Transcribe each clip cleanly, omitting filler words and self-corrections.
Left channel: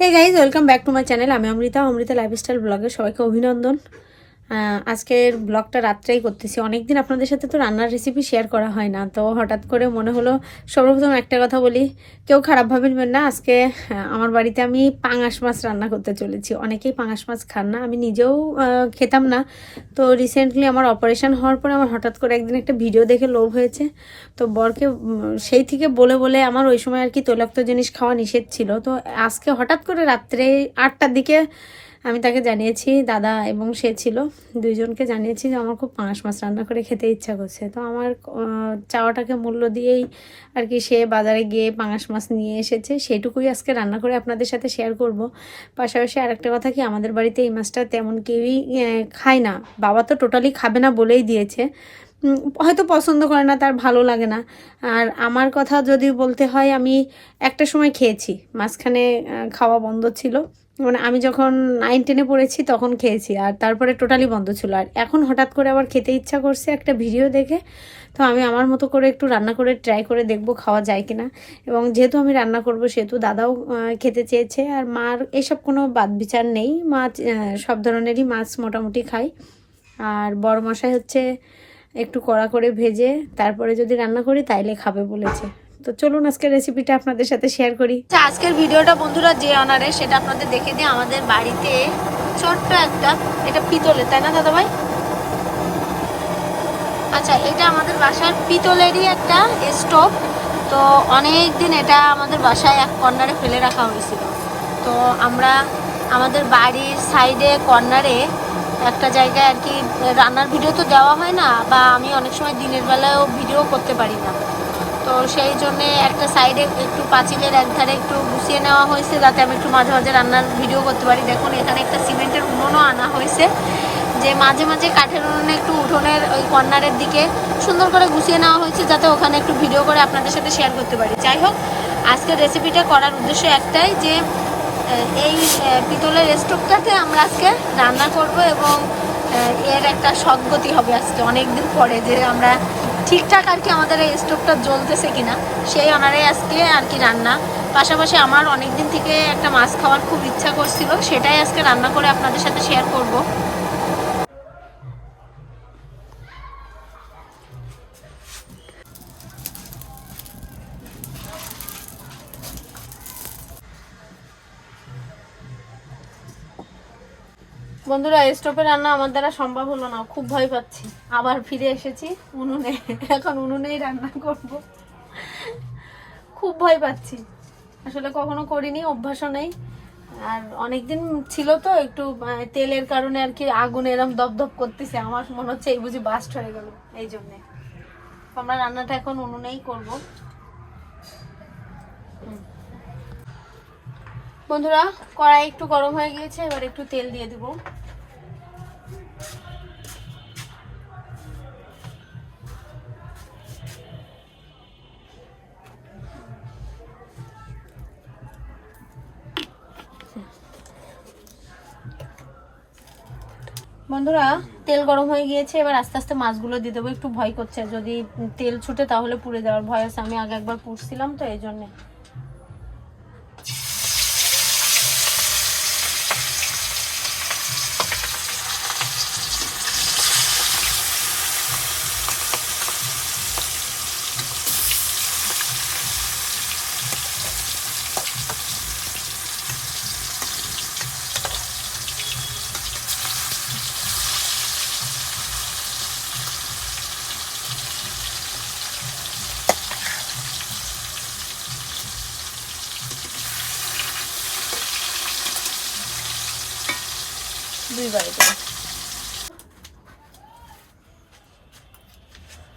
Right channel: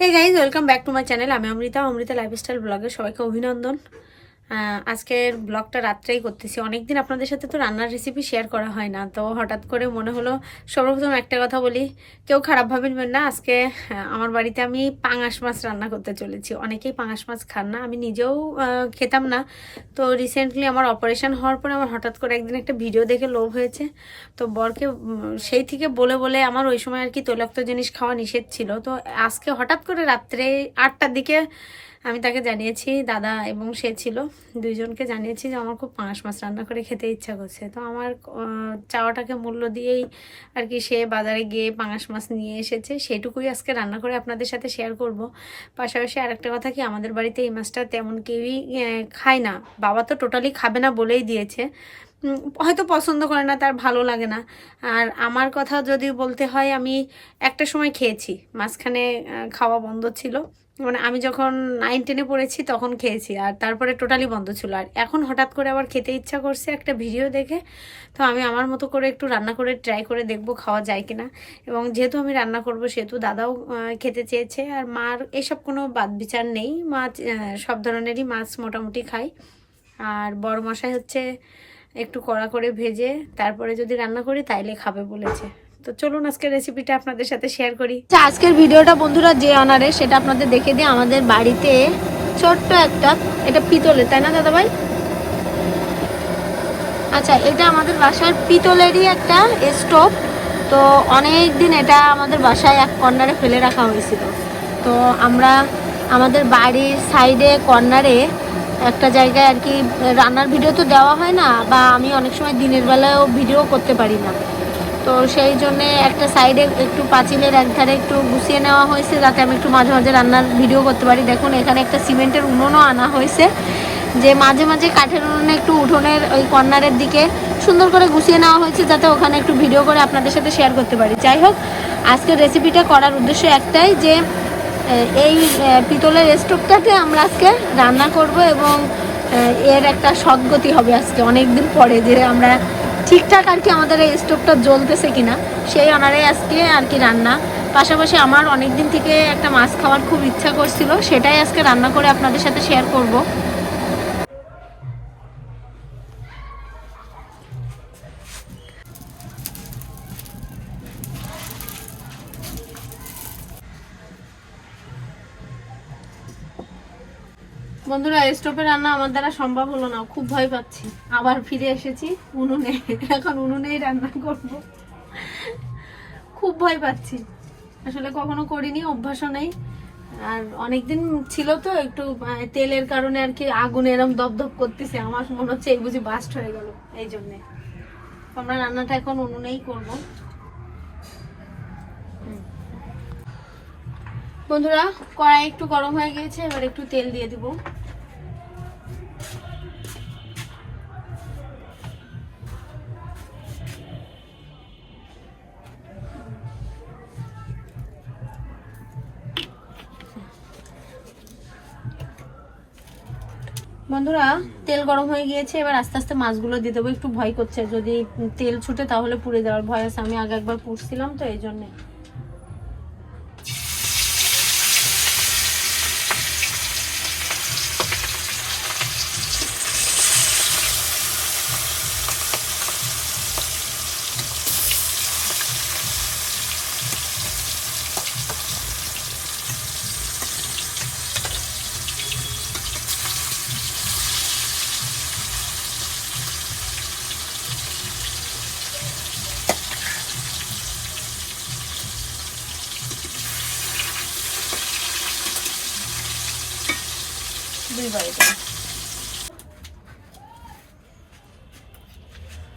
Hey guys, welcome back to my channel. আমি Amrita lifestyle ব্লগে সবাইকে অভিনন্দন। আজকের ব্লগটা রাত্রেই করতেছি। অনেকদিন আপনাদের সাথে তো রান্নার রেসিপি শেয়ার করা হয় না, তো হঠাৎ করে মনে হলো সর্বপ্রথম একটা কথা বলি, কেউ খারাপ ভাবেন না। আজকে আমার বাড়িতে আমি পাঙাশ মাছ রান্না করতে চলেছি। অনেকেই পাঙাশ মাছ খান না, আমি নিজেও খেতাম না। তো রিসেন্টলি আমার অপারেশন হওয়ার পরে আমার হঠাৎ করে একদিন একটা ভিডিও দেখে লোভ হয়েছে। তো বরকে সেই থেকে বলে বলে আমার ওই সময় আর কি তৈলাক্ত জিনিস খাওয়া নিষেধ ছিল। তো আজকে হঠাৎ করে রাত্রে 8টার দিকে আমি তাকে জানিয়েছি, দাদা এবং সে ছিল, দুইজনকে জানিয়েছি যে আমার খুব পাঙাশ মাছ রান্না করে খেতে ইচ্ছা করছে। তো আমার চাওয়াটাকে মূল্য দিয়েই আর কি সে বাজারে গিয়ে পাঙাশ মাছ নিয়ে এসেছে। সেটুকুই আজকে রান্না করে আপনাদের সাথে শেয়ার করব। পাশাপাশি আরেকটা কথা কি, আমাদের বাড়িতে এই মাছটা তেমন কেউই খায় না। বাবা তো টোটালি খাবে না বলেই দিয়েছে, হয়তো পছন্দ করে না, তার ভালো লাগে না। আর আমার কথা যদি বলতে হয়, আমি একটা সময় খেয়েছি, মাঝখানে খাওয়া বন্ধ ছিল। মানে আমি যখন 9-10-এ পড়েছি তখন খেয়েছি, আর তারপরে টোটালি বন্ধ ছিল। আর এখন হঠাৎ করে আবার খেতে ইচ্ছা করছে একটা ভিডিও দেখে। তো আমি আমার মতো করে একটু রান্না করে ট্রাই করে দেখবো খাওয়া যায় কিনা। এবং যেহেতু আমি রান্না করব সেহেতু দাদাও খেতে চেয়েছে। আর মার এসব কোনো বাদ বিচার নেই, মা সব ধরনেরই মাছ মোটামুটি খায়। আর বড় মশাই হচ্ছে একটু কড়া করে ভেজে তারপরে যদি রান্না করি তাইলে খাবে বলেছে। তো চলুন আজকের রেসিপিটা আপনাদের সাথে শেয়ার করি। আজকের ভিডিওটা বন্ধুরা যে অনারে সেটা আপনাদের দেখে দিই। আমাদের বাড়িতে ছোট্ট একটা, এটা পিতলের, তাই না দাদা ভাই? আচ্ছা, এটা আমাদের বাসার পিতলেরই একটা স্টোভ। তো অনেক দিন এটা আমাদের বাসায় এক কর্নারে ফেলে রাখা হয়েছিল। তো আমরা আমাদের বাড়ির সাইডে কর্নারে একটা জায়গায় আর কি রান্নার ভিডিও তো দেওয়া হয় না, বা আমি অনেক সময় দিনের বেলায়ও ভিডিও করতে পারি না। তো সেই জন্যে একটা সাইডে একটু পাঁচিলের একধারে একটু গুছিয়ে নেওয়া হয়েছে, যাতে আমি একটু মাঝে মাঝে রান্নার ভিডিও করতে পারি। দেখুন এখানে একটা সিমেন্টের উনুনও আনা হয়েছে, যে মাঝে মাঝে কাঠের উনুনে একটু উঠোনের ওই কর্নারের দিকে সুন্দর করে গুছিয়ে নেওয়া হয়েছে, যাতে ওখানে একটু ভিডিও করে আপনাদের সাথে শেয়ার করতে পারি। যাই হোক, আজকের রেসিপিটা করার উদ্দেশ্য একটাই, যে এই পিতলের স্টোভটাতে আমরা আজকে রান্না করব, এবং এর একটা সদ্গতি হবে আজকে অনেক দিন পরে, যে আমরা ঠিকঠাক আর কি আমাদের এই স্টোভটা জ্বলতেছে কিনা সেই অনারে আজকে আর কি রান্না। পাশাপাশি আমার অনেক দিন থেকে একটা মাছ খাওয়ার খুব ইচ্ছা করছিল, সেটাই আজকে রান্না করে আপনাদের সাথে শেয়ার করব। বন্ধুরা, স্টোভে রান্না আমার দ্বারা সম্ভব হলো না, খুব ভয় পাচ্ছি। আবার ফিরে এসেছি উনুনে, এখন উনুনেই রান্না করব। খুব ভয় পাচ্ছি, আসলে কখনো করিনি, অভ্যাসও নেই। আর অনেকদিন ছিল তো একটু তেলের কারণে আর কি আগুন এরম দপদপ করতেছে, আমার মনে হচ্ছে এই বুঝি বাস্ট হয়ে গেল। এই জন্যে আমরা রান্নাটা এখন উনুনেই করব। বন্ধুরা, কড়াই একটু গরম হয়ে গিয়েছে, এবার একটু তেল দিয়ে দিব। বন্ধুরা, তেল গরম হয়ে গিয়েছে, এবার আস্তে আস্তে মাছগুলো দিয়ে দেবো। একটু ভয় করছে, যদি তেল ছুটে তাহলে পুড়ে যাওয়ার ভয় আছে। আমি আগে একবার পুড়ছিলাম তো, এই জন্যে।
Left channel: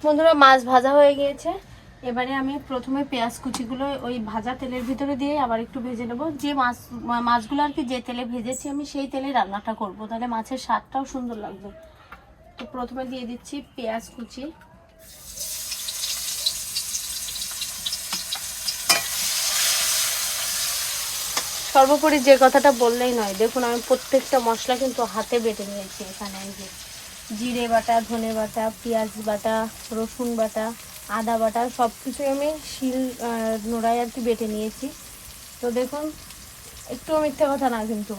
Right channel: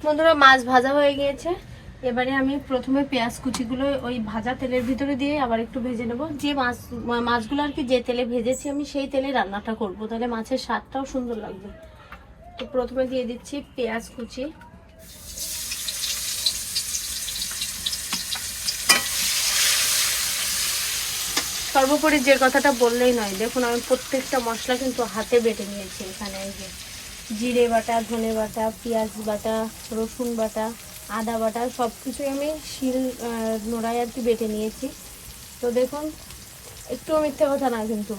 বন্ধুরা, মাছ ভাজা হয়ে গিয়েছে। এবারে আমি প্রথমে পেঁয়াজ কুচিগুলো ওই ভাজা তেলের ভিতরে দিয়ে আবার একটু ভেজে নেবো। যে মাছগুলো আর কি যে তেলে ভেজেছি আমি, সেই তেলে রান্নাটা করব, তাহলে মাছের স্বাদটাও সুন্দর লাগবে। তো প্রথমে দিয়ে দিচ্ছি পেঁয়াজ কুচি। সর্বোপরি যে কথাটা বললেই নয়, দেখুন আমি প্রত্যেকটা মশলা কিন্তু হাতে বেটে নিয়েছি। এখানে এই যে জিরে বাটা, ধনে বাটা, পেঁয়াজ বাটা, রসুন বাটা, আদা বাটা, সব কিছু আমি শিল নোড়ায় আর কি বেটে নিয়েছি। তো দেখুন একটুও মিথ্যে কথা না কিন্তু,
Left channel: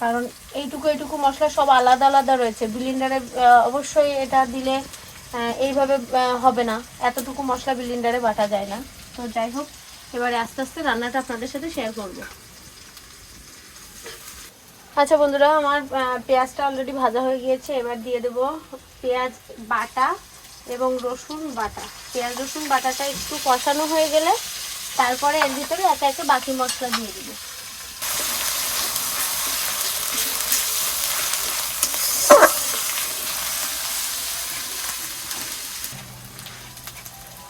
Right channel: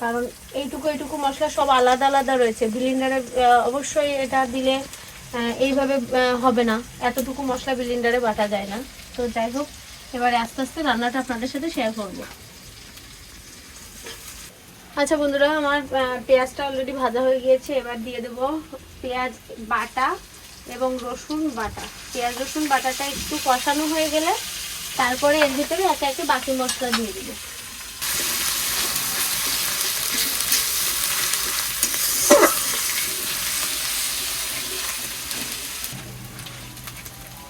কারণ এইটুকু মশলা সব আলাদা আলাদা রয়েছে। ব্লেন্ডারে অবশ্যই এটা দিলে এইভাবে হবে না, এতটুকু মশলা ব্লেন্ডারে বাটা যায় না। তো যাই হোক, এবারে আস্তে আস্তে রান্নাটা আপনাদের সাথে শেয়ার করব। আচ্ছা বন্ধুরা, আমার পেঁয়াজটা অলরেডি ভাজা হয়ে গিয়েছে। এবার দিয়ে দেব পেঁয়াজ বাটা এবং রসুন বাটা। পেঁয়াজ রসুন বাটাটা একটু কষানো হয়ে গেলে তারপরে এর ভিতরে একে একে বাকি মশলা দিয়ে দেবো।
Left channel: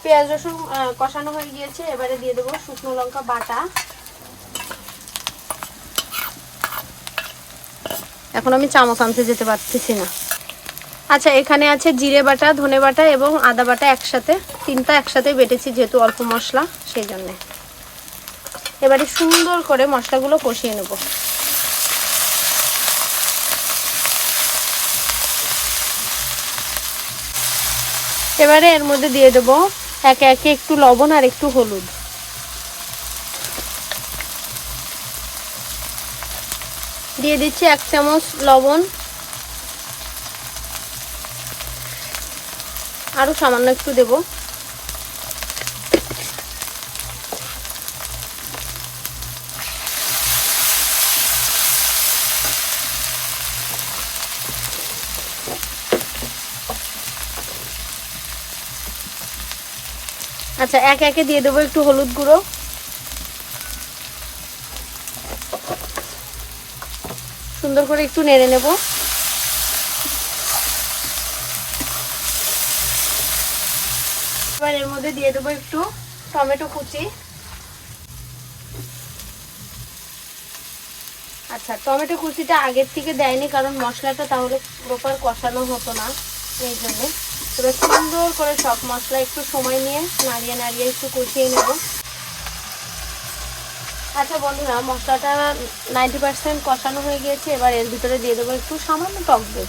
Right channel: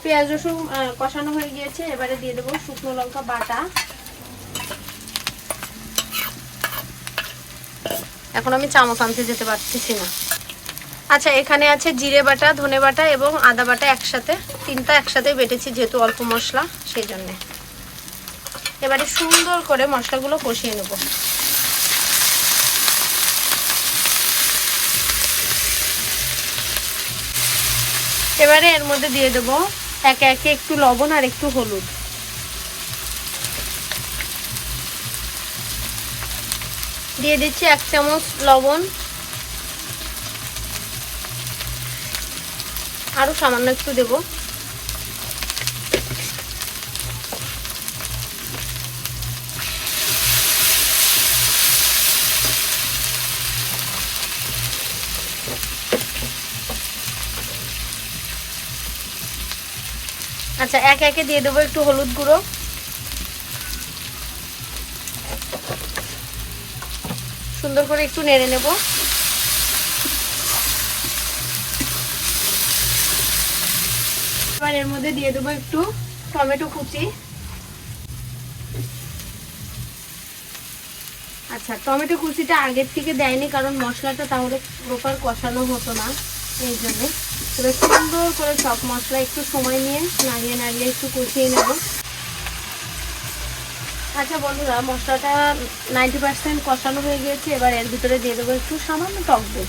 পেঁয়াজ রসুন কষানো হয়ে গিয়েছে, এবারে দিয়ে দেবো শুকনো লঙ্কা বাটা। এখন আমি চামচ আনতে যেতে পারতেছি না। আচ্ছা, এখানে আছে জিরে বাটা, ধনে বাটা এবং আদা বাটা একসাথে, তিনটা একসাথে বেটেছি যেহেতু অল্প মশলা সেই জন্যে। এবারে সুন্দর করে মশলাগুলো কষিয়ে নেব। এবারে এর মধ্যে দিয়ে দেবো একে একে একটু লবণ আর একটু হলুদ। দিয়ে দিচ্ছি 1 চামচ লবণ, আরো সামান্য একটু দেবো। আচ্ছা, একে একে দিয়ে দেবো একটু হলুদ গুঁড়ো, সুন্দর করে একটু নেড়ে নেব। এবার এর মধ্যে দিয়ে দেবো একটু টমেটো কুচি। আচ্ছা, টমেটো কুচিটা আগের থেকে দেয়নি কারণ মশলাটা তাহলে প্রপার কষানো হতো না, এই জন্য। এবার সুন্দর করে সব মশলা একটু সময় নিয়ে নাড়িয়ে নাড়িয়ে একটু কষিয়ে নেব। আচ্ছা বন্ধুরা, মশলাটা 90% কষানো হয়ে গিয়েছে। এবার এর ভিতরে দিয়ে দেবো একটু সামান্য টক দই।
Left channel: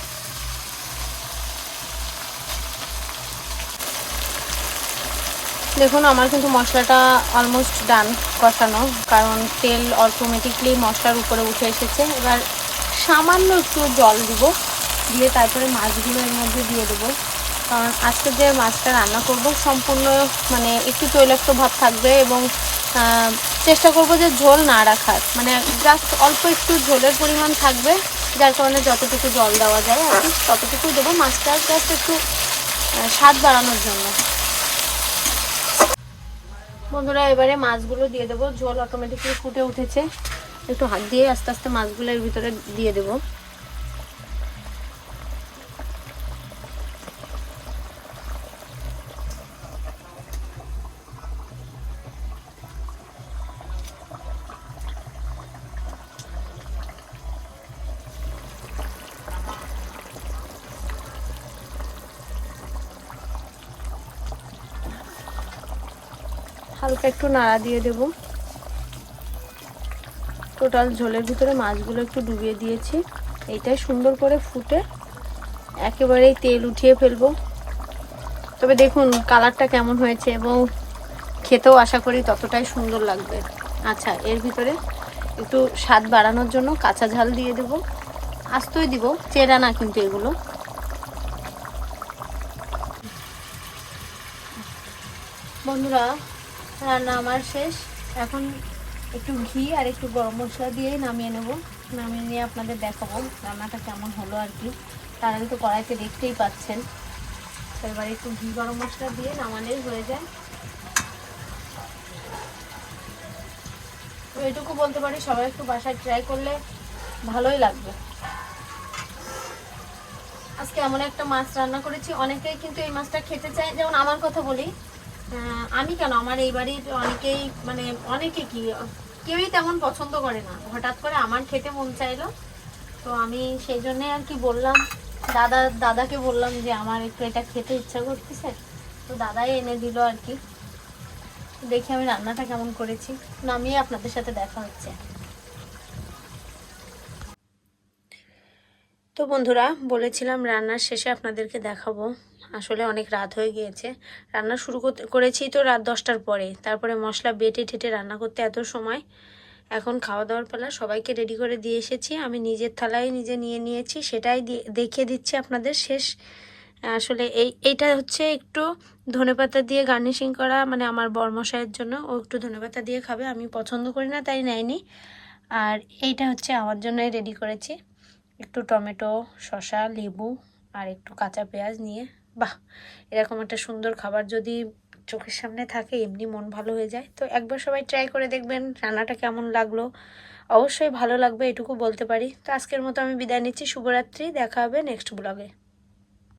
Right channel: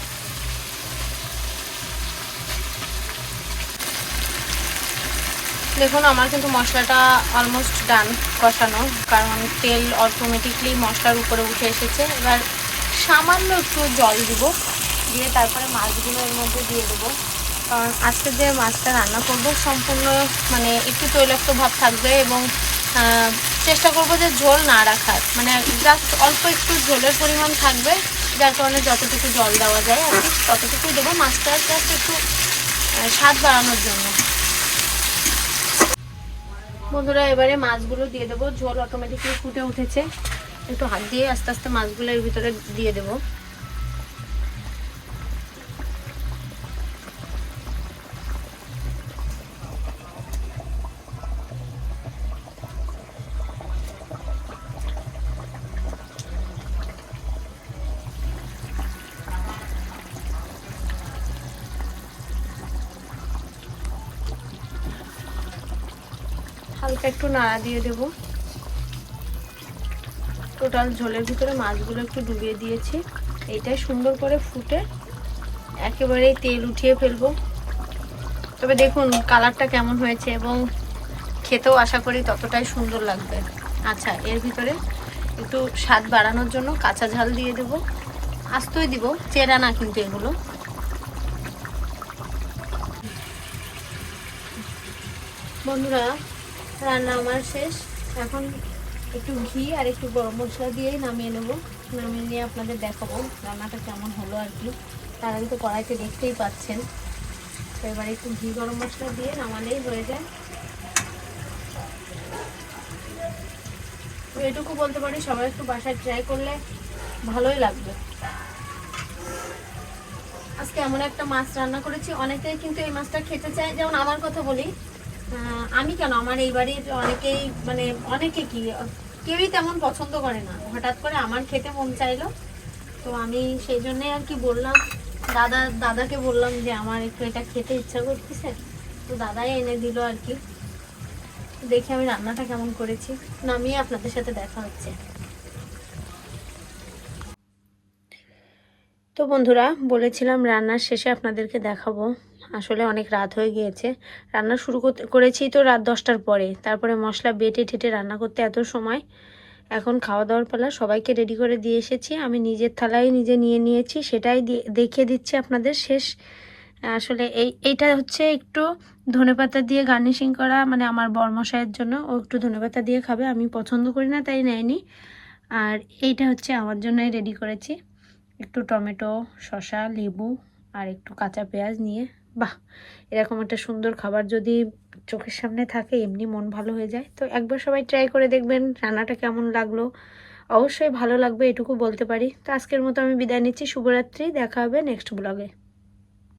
দেখুন, আমার কিন্তু মশলাটা অলমোস্ট ডান কষানো, কারণ তেল অটোমেটিকলি মশলার উপরে উঠে এসেছে। এবার সামান্য একটু জল দিব, দিয়ে তারপরে মাছগুলো এর মধ্যে দিয়ে দেবো। কারণ আজকে যে মাছটা রান্না করব সম্পূর্ণ মানে একটু তৈলাক্ত ভাব থাকবে এবং চেষ্টা করব যে ঝোল না রাখার, মানে জাস্ট অল্প একটু ঝোলের পরিমাণ থাকবে, যার কারণে যতটুকু জল দেওয়া যায় আর কি ততটুকু দেবো। মাছটা জাস্ট একটু স্বাদ বাড়ানোর জন্য। বন্ধুরা, এবারে মাছগুলো দিয়ে দেবো। ঝোল অটোমেটিকলি ফুটে উঠেছে, একটু হাত দিয়ে আস্তে আস্তে মাছগুলো এর ভিতরে দিয়ে দেবো। হালকা একটু নাড়া দিয়ে দেবো। টোটাল ঝোলের ভিতরে মাছগুলো একটু ডুবিয়ে দিয়েছি। এইটাই সুন্দর করে ফুটে একেবারেই তেল উঠিয়ে ফেলবো। তবে দেখুন কালারটা কেমন হয়েছে এবং খেতেও আশা করি ততটাই সুন্দর লাগবে। আচ্ছা, এর ভিতরে একটু স্বাদ বাড়ানোর জন্য কাঁচা ঝাল দিয়ে দেবো। আস্তই দিব, চেরা না কিন্তু এগুলো। বন্ধুরা, রান্না আমার শেষ। এখন একটু ঘি আর একটু গরম মশলা দিয়েই নামিয়ে নেব। নামিয়ে নিয়ে আপনাদের দেখাবো রান্নাটা কেমন হলো আর কি। তার আগে তো কড়াইতে দেখতেই পাচ্ছেন। তো এবার একটু ঘি গরম মশলা দিয়ে নামালেই হয়ে যায়। তো এটুকু বলতে পারি, সবাই একটু বাসায় ট্রাই করলে ভালোই লাগবে। আজকে এমন একটা মাছ রান্না করেছি, অনেকেই কিন্তু এই মাছটা খেতে চায়। যেমন আমার কথা বলি, আমি কেন, আমার এই বাড়ির অনেকেই মানে অনেকে কি কেউই তেমন পছন্দ করে না। হঠাৎ করে আমার খেতে মন চাইলো, তো আমি সেই জন্যে আর কি বললাম, দাদাকে বললাম যে আমার একটু এটা খেতে ইচ্ছা করতেছে, তো দাদাই এনে দিল আর কি। দেখি আমি রান্নাটা কেমন করেছি, নামিয়ে আপনাদের সাথে দেখা হচ্ছে। তো বন্ধুরা, বলেছিলাম রান্নার শেষে আপনাদেরকে দেখাবো। আসলে অনেক রাত হয়ে গিয়েছে। রান্না শুরু করেছি তো রাত 10টার পরে, তারপরে মশলা বেটে ঠেটে রান্না করতে এত সময়, এখন খাওয়া দাওয়ার পালা, সবাইকে রেডি করে দিয়ে এসেছি, আমি নিজের থালায় নিজে নিয়ে নিয়েছি, সেটাই দেখিয়ে দিচ্ছি আপনাদের শেষ। আসলে এইটা হচ্ছে একটু ধনেপাতা দিয়ে গার্নিশিং করা, মানে আমার বরমশাইয়ের জন্য, ও একটু ধনেপাতা দিয়ে খাবে, আমি পছন্দ করি না তাই নেয়নি। আর এইটা হচ্ছে আমার জন্যই রেডি করেছি, একটু টমেটো, শসা, লেবু আর একটু কাঁচা পেঁয়াজ নিয়ে। বাহ, এরকম একটা সুন্দর খাবার যদি চোখের সামনে থাকে এমনি মন ভালো হয়ে যায়। তো একবার সবাই ট্রাই করে দেখবেন রান্নাটা কেমন লাগলো, অবশ্যই ভালো লাগবে এটুকু বলতে পারি। তো আজকের মতো আমি বিদায় নিচ্ছি, শুভরাত্রি, দেখা হবে নেক্সট ব্লগে।